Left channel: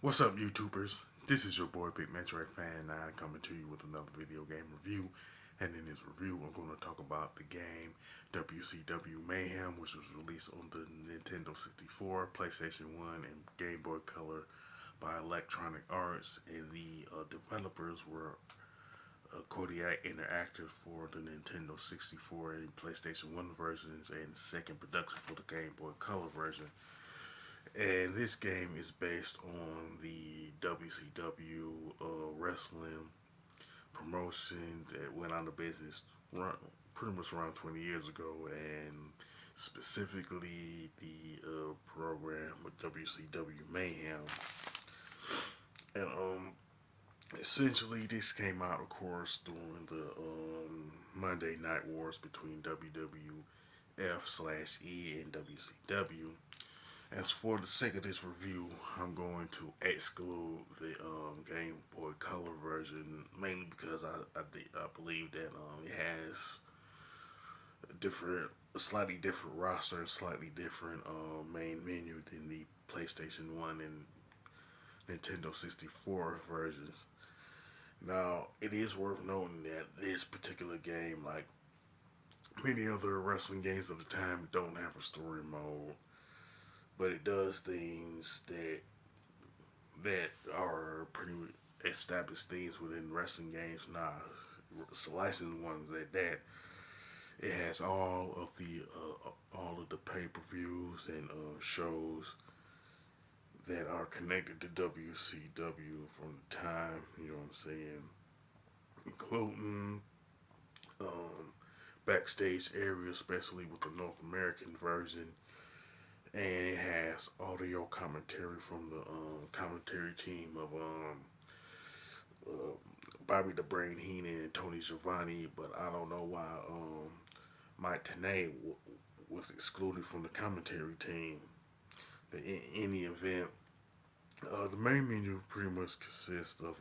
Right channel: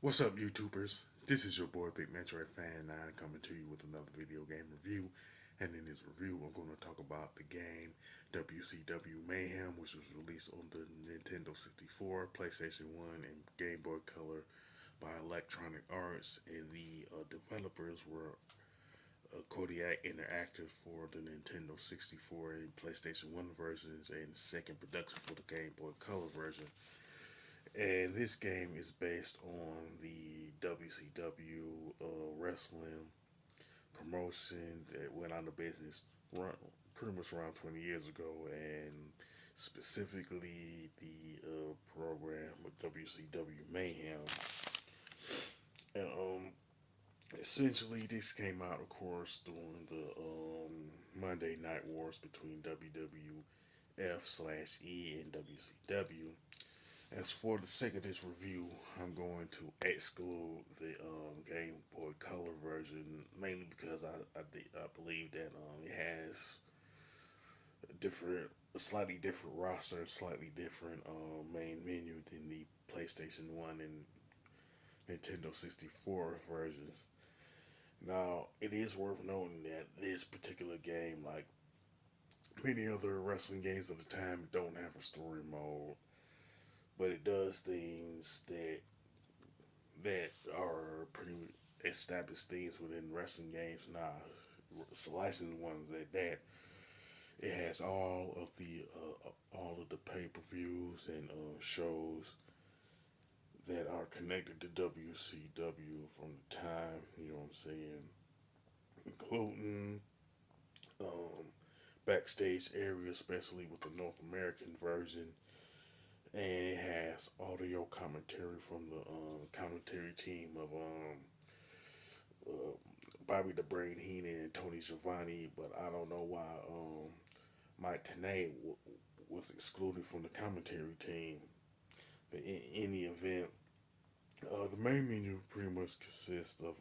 What's up, YouTubers? This is your boy Big Metroid Fan 9 coming to you with another video game review. And in this review, I'm going to talk about the game WCW Mayhem, which was released on the Nintendo 64, PlayStation 1, and Game Boy Color by Electronic Arts. And the developers were Kodiak Interactive for the Nintendo 64 and PlayStation 1 versions, and second production for the Game Boy Color version. And this game is based on the WCW wrestling promotion that went out of business pretty much around 20 years ago, and specifically the program with WCW Mayhem. And essentially, this came out, of course, during the Monday Night Wars between WWF/E and WCW. As for the sake of this review, I'm going to exclude the Game Boy Color version, mainly because I believe that it has slightly different roster, slightly different main menu than the PlayStation 1 and Nintendo 64 versions. Now, it is worth noting that this particular game, like many other wrestling games of the time, don't have a story mode, but it does things that are pretty established things within wrestling games now. Licensed ones at that. It has all of the pay per views and shows that are connected to WCW from the time. You know what I'm saying, including backstage area, especially with the North American version. And it has audio commentary from the commentary team of uh, Bobby the Brain Heenan and Tony Giovanni, but I don't know why Mike Tenay was excluded from the commentary team. But in any event, the main menu pretty much consists of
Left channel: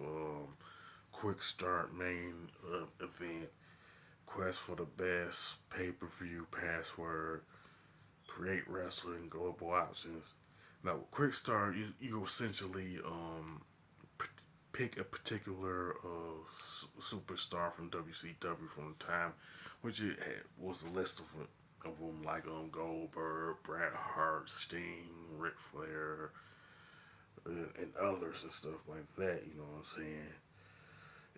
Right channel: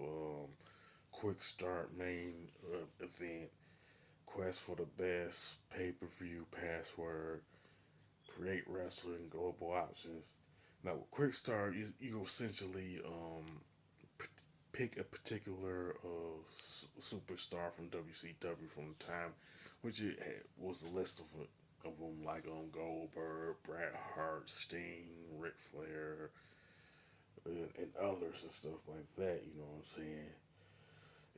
quick start main event, quest for the best, pay per view, password, create wrestling, global options. Now, with quick start, you essentially pick a particular superstar from WCW from the time, which was a list of them like Goldberg, Bret Hart, Sting, Ric Flair, and others and stuff like that. You know what I'm saying?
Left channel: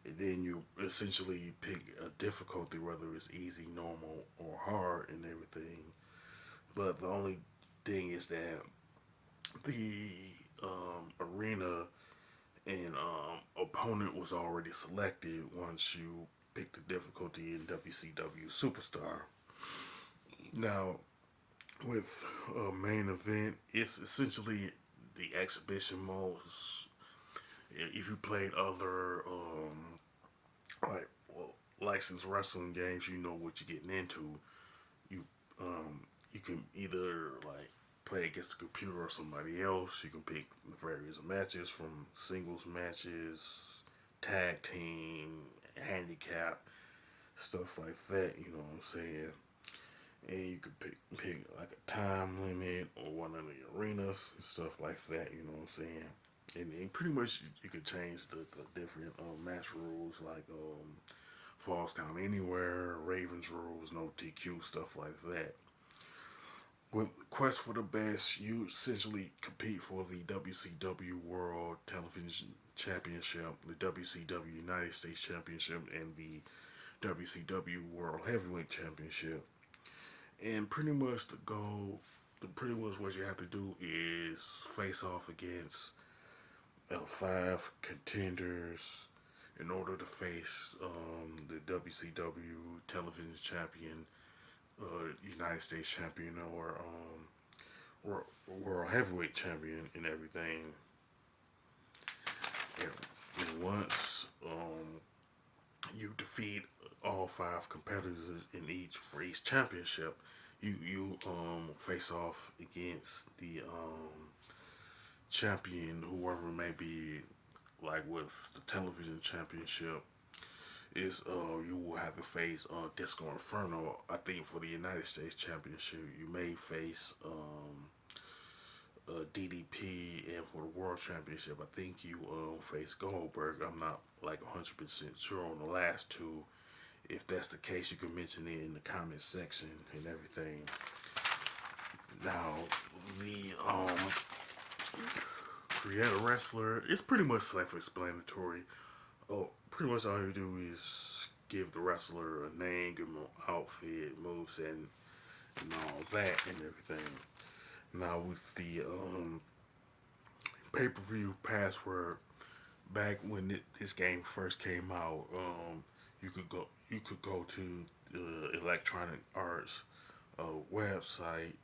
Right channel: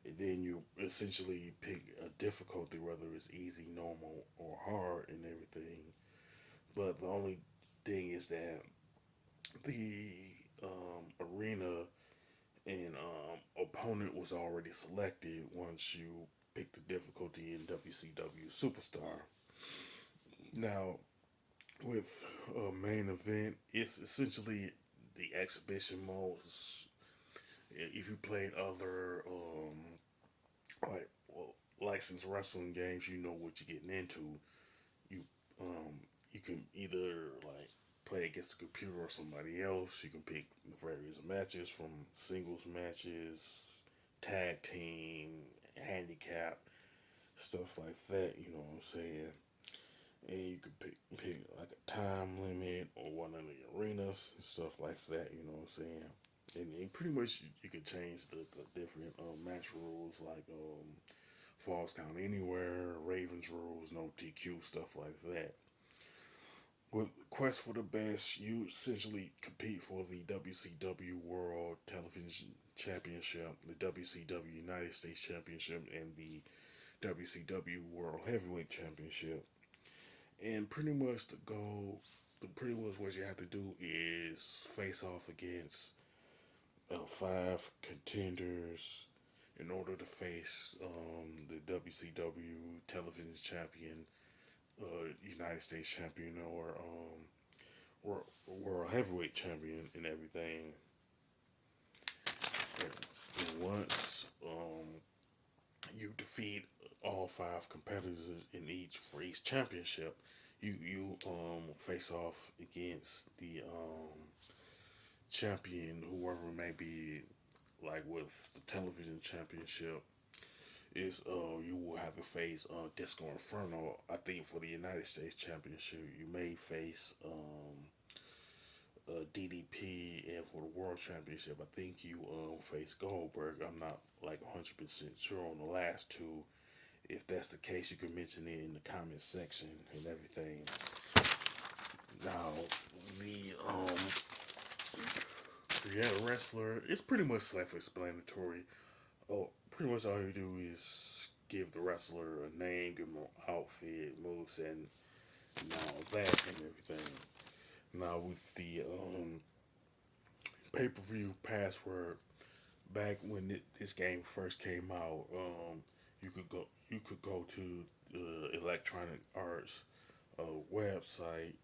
And then you essentially pick a difficulty, whether it's easy, normal, or hard, and everything. But the only thing is that the arena and opponent was already selected once you pick the difficulty in WCW Superstar. Now, with a main event, it's essentially the exhibition modes. If you played other like licensed wrestling games, you know what you're getting into. You you can either like play against the computer or somebody else. You can pick various matches from singles matches, tag team, handicap, stuff like that. You know what I'm saying? And you could pick like a time limit or one of the arenas and stuff like that. You know what I'm saying? And pretty much you could change the different match rules like falls count anywhere, Ravens rules, no DQ, stuff like that. With Quest for the Best, you essentially compete for the WCW World Television Championship, the WCW United States Championship, and the WCW World Heavyweight Championship. And pretty much what you have to do is face off against five contenders in order to face the WCW Television Champion, United States Champion, or World Heavyweight Champion, and everything. And once you defeat all five competitors in each for each championship, you face off against the champion, whoever it may be. Like with the television championship, is you will have to face Disco Inferno. I think for the United States Championship, you may face DDP, and for the World Championship, I think you face Goldberg. I'm not like 100% sure on the last two. If that's the case, you can mention it in the comment section and everything. Now, the create a wrestler, it's pretty much self-explanatory. Oh, pretty much all you do is give the wrestler a name, give him an outfit, moveset, and that and everything. Now with the pay-per-view password, back when this game first came out, you could go to the Electronic Arts website,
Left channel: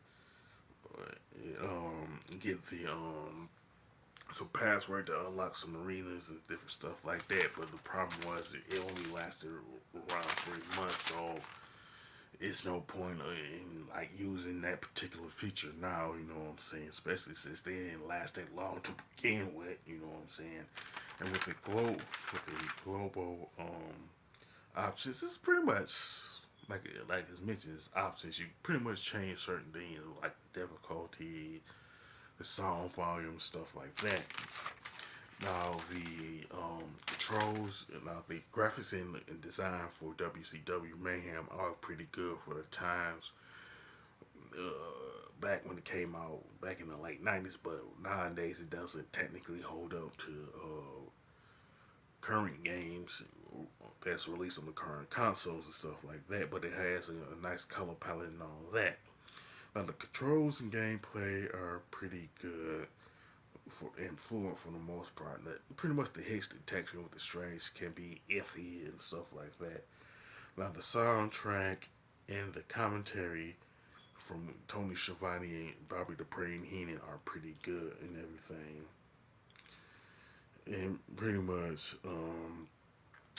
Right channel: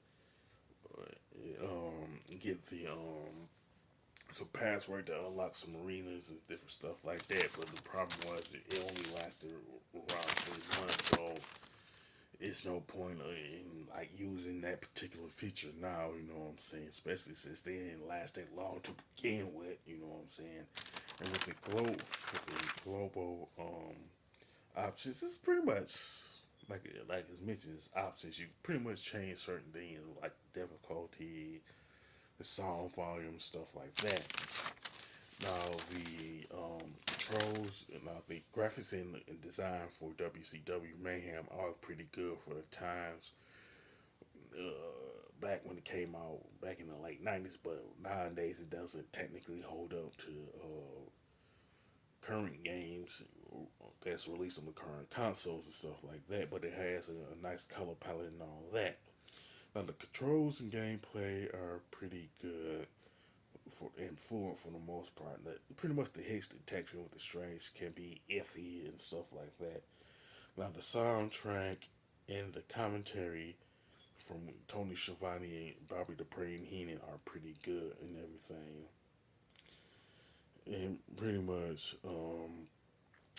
get the some password to unlock some arenas and different stuff like that. But the problem was it only lasted around 3 months, so it's no point in like using that particular feature now. You know what I'm saying? Especially since they didn't last that long to begin with. You know what I'm saying? And with the global options, it's pretty much like it's mentioned. It's options. You pretty much change certain things like difficulty, the song volume, stuff like that. Now the controls, now the graphics and design for WCW Mayhem are pretty good for the times. Back when it came out, back in the late '90s, but nowadays it doesn't technically hold up to current games that's released on the current consoles and stuff like that. But it has a nice color palette and all that. Now the controls and gameplay are pretty good and fluent for the most part. Pretty much the hits detection with the strings can be iffy and stuff like that. Now the soundtrack and the commentary from Tony Schiavone and Bobby Dupree and Heenan are pretty good and everything. And pretty much,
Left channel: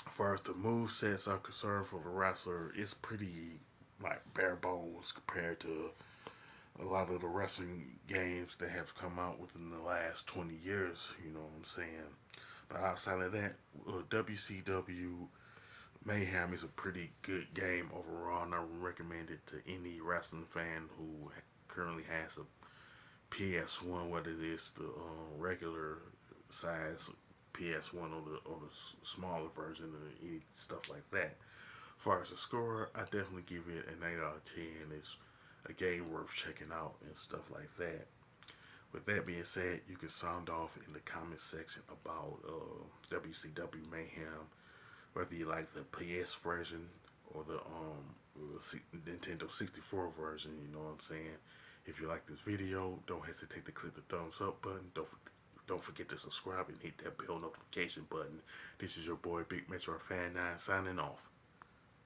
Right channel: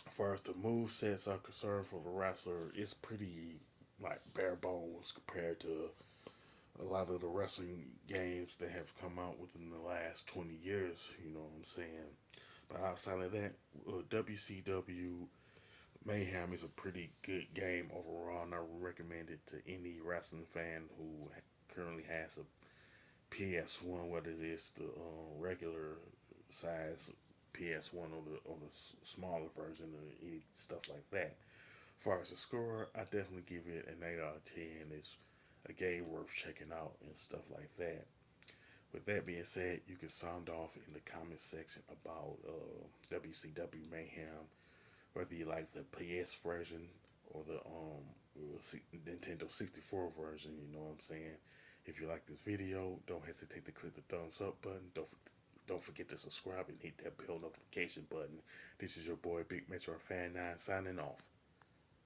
as far as the move sets are concerned for the wrestler, it's pretty like bare bones compared to a lot of the wrestling games that have come out within the last 20 years, you know what I'm saying? But outside of that, WCW Mayhem is a pretty good game overall, and I would recommend it to any wrestling fan who currently has a PS1, whether it is the regular size PS1 or the smaller version or any stuff like that. As far as the score, I definitely give it an 8 out of 10. It's a game worth checking out and stuff like that. With that being said, you can sound off in the comment section about WCW Mayhem, whether you like the PS version or the Nintendo 64 version. You know what I'm saying? If you like this video, don't hesitate to click the thumbs up button. Don't forget to subscribe and hit that bell notification button. This is your boy Big Metro Fan 9 signing off.